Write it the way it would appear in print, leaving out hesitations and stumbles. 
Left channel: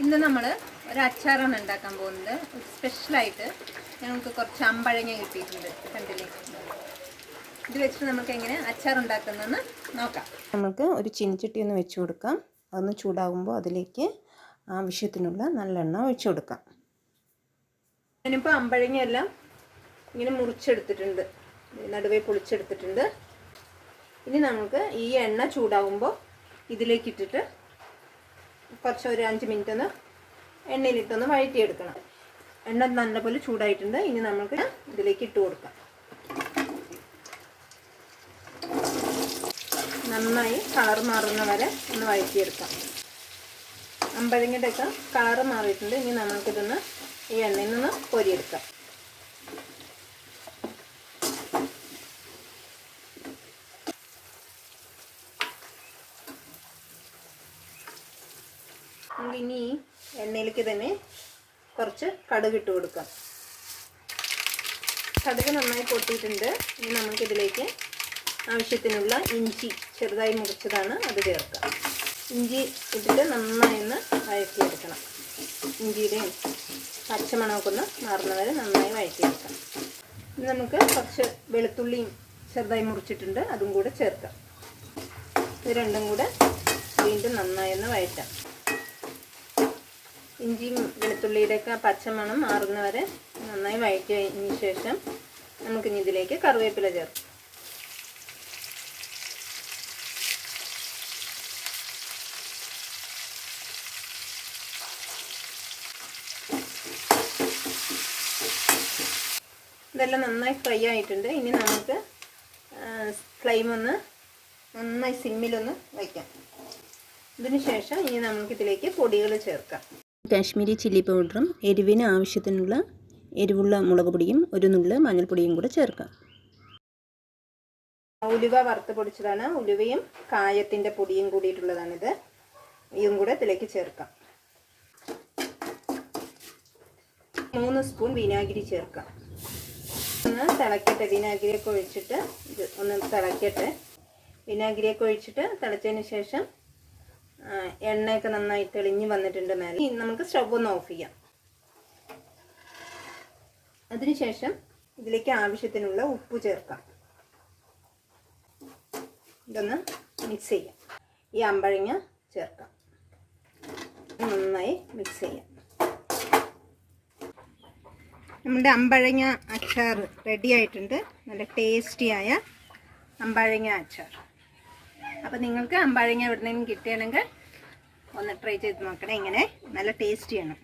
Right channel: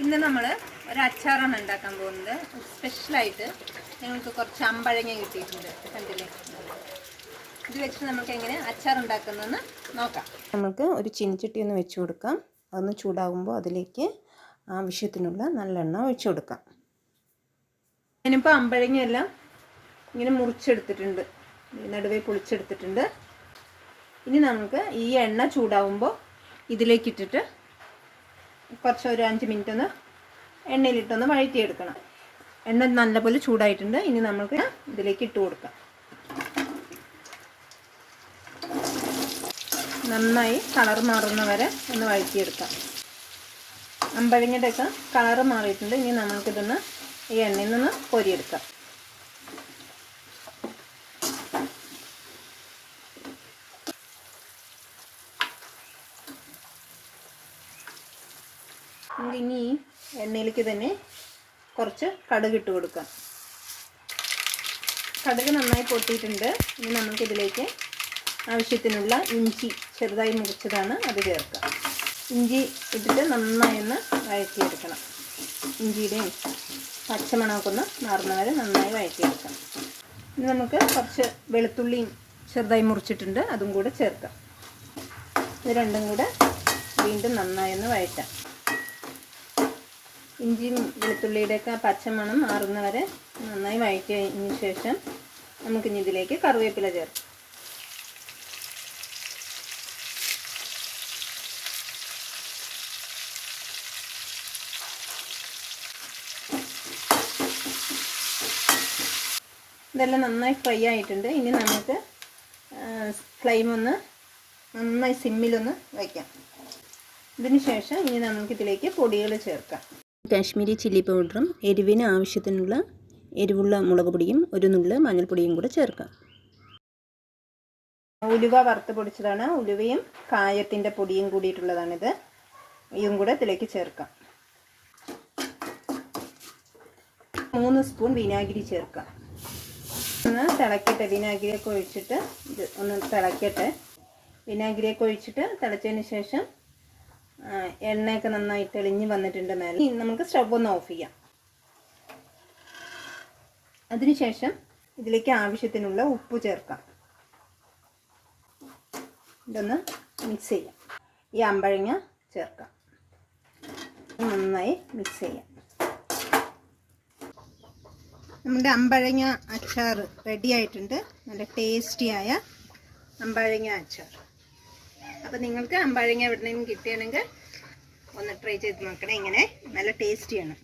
ഇന്ന് നമ്മൾ ഒരു അച്ചാറാണ് ഉണ്ടാക്കാൻ പോകുന്നത്. സ്പെഷ്യലായിട്ട് ഞങ്ങൾക്ക് കുറച്ച് അമ്പഴങ്ങ കിട്ടിയിട്ടുണ്ട്, കണ്ടില്ലേ. ഇത് വെച്ചിട്ട് നമുക്ക് എങ്ങനെ അച്ചാർ ഉണ്ടാക്കുന്നതെന്ന് നോക്കാം. നമുക്ക് ഒരു ചീനിച്ചട്ടി ഒന്ന് വെച്ച് കൊടുക്കാം. അതൊന്ന് ചൂടാകുമ്പോൾ അതിലേക്ക് ആവശ്യത്തിനുള്ള നല്ലെണ്ണ ഒഴിച്ചു കൊടുക്കാം. ഞാനിപ്പോൾ അമ്പഴങ്ങയെല്ലാം ഇങ്ങനെ മുറിച്ചെടുത്തിട്ടുണ്ട്, നടുവേ പൊളിച്ചെടുത്തിട്ടുണ്ട്. ഇനി നമുക്ക് ഈ എണ്ണ ചൂടാകുമ്പോൾ ഇതിലേക്കിട്ടിട്ട് കുറച്ച് ഒരു 5 മിനിറ്റ് ഒന്ന് എണ്ണയിലിട്ടൊന്ന് വഴറ്റിയെടുക്കണം. എണ്ണ നല്ലപോലെ ചൂടായിട്ടുണ്ട്. ഇനി നമുക്ക് ഇതിലേക്ക് ഇട്ട് കൊടുക്കാം. നന്നായി കളർ മാറുന്ന വരെ ഒന്ന് വഴറ്റിയെടുക്കാം. അമ്പഴങ്ങയുടെയൊക്കെ കളർ മാറിയിട്ടുണ്ട്. ഇനി നമുക്കിതൊന്ന് ഈ എണ്ണയിൽ നിന്ന് പൊരിയെടുക്കാം. നമുക്ക് ഇനി ഈ എണ്ണയിലേക്ക് തന്നെ കുറച്ച് കടുക് ഇട്ട് കൊടുക്കാം. കടുക് നന്നായി പൊട്ടിയിട്ടുണ്ട്. ഇനി നമുക്കിതിലേക്ക് ആവശ്യത്തിനുള്ള ഇഞ്ചി ചെറുതായി മുറിച്ചതാണ്, അത് ചേർക്കാം. ഇഞ്ചി ഇട്ടിട്ട് നന്നായി ഒന്ന് വഴറ്റിയെടുക്കണം. ഇഞ്ചിയുടെയും പച്ചമണമൊക്കെ ഒന്ന് മാറുന്ന വരെ നന്നായി വഴറ്റിയെടുക്കണം. ഇനി നമുക്ക് കുറച്ച് വെളുത്തുള്ളിയും ചെറുതായി മുറിച്ചിട്ടുണ്ട്, അതും കൂടെ ചേർക്കാം. ഇത് രണ്ടും കൂടെ വീണ്ടും നന്നായി ഒന്ന് വഴറ്റാം. ഇഞ്ചിയും വെളുത്തുള്ളിയുടെയൊക്കെ പച്ചമണം മാറുന്നവരെ നന്നായി വഴറ്റിയതിന് ശേഷം നമുക്കിനി ഇതിലേക്ക് കറിവേപ്പില ചേർക്കാം. ഇതെല്ലാം നന്നായി ഫ്രൈ ആയിട്ടുണ്ട്. ഇനി നമുക്ക് ഫ്ലെയിം ഒന്ന് നന്നായി സിമ്മിലൊന്ന് വയ്ക്കാം. ഇതിന് ശേഷം ഇനി നമുക്കിതിലേക്ക് പൊടികൾ ചേർക്കാം. കാശ്മീരി ചില്ലി പൗഡറും എരിവിന് ആവശ്യത്തിനുള്ള എരിവുള്ള മുളക് പൊടിയും ഒരു നുള്ള് മഞ്ഞൾപ്പൊടിയും കൂടെ ചേർക്കാം. ഉലുവ വറുത്ത് പൊടിച്ചതാണ്. ഉലുവയും കായത്തിൻ്റെ പൊടിയും കൂടിയിട്ടുള്ളതാണിത്. ഇതും കൂടെ ഇതിലേക്ക് ചേർക്കാം. 3 സ്പൂൺ വിനാഗിരി ചേർക്കാം. ഒന്ന് തിളക്കട്ടെ. വിനാഗിരിയൊക്കെ ഒഴിച്ചിട്ട് ഇത് ഒന്ന് തിളക്കട്ടെ. വിനാഗിരിയൊക്കെ ഒഴിച്ചിട്ട് തിളച്ചതിന് ശേഷം എണ്ണയൊക്കെ നന്നായി തെളിഞ്ഞ് വന്നിട്ടുണ്ട് മേലെ. നമുക്ക് സ്റ്റവ് ഒന്ന് ഓഫ് ചെയ്യാം. അതിനുശേഷം ഇതിലേക്ക് ആവശ്യത്തിനുള്ള ഉപ്പ് ചേർക്കാം. ഇതൊന്ന് മിക്സ് ചെയ്യാം. ഈ അമ്പഴങ്ങ ചേർക്കാം. നന്നായി മിക്സ് ചെയ്യാം. നമ്മുടെ അമ്പഴങ്ങ അച്ചാർ റെഡി ആയിട്ടുണ്ട്. നല്ല ടേസ്റ്റിയായ അമ്പഴങ്ങ അച്ചാർ. അപ്പോൾ നിങ്ങൾക്ക് അമ്പഴങ്ങ എവിടെയെങ്കിലും കിട്ടുകയാണെങ്കിൽ ഒന്ന് ട്രൈ ചെയ്ത് നോക്കണേ. ഇങ്ങനെ നല്ല ടേസ്റ്റിയാണ്.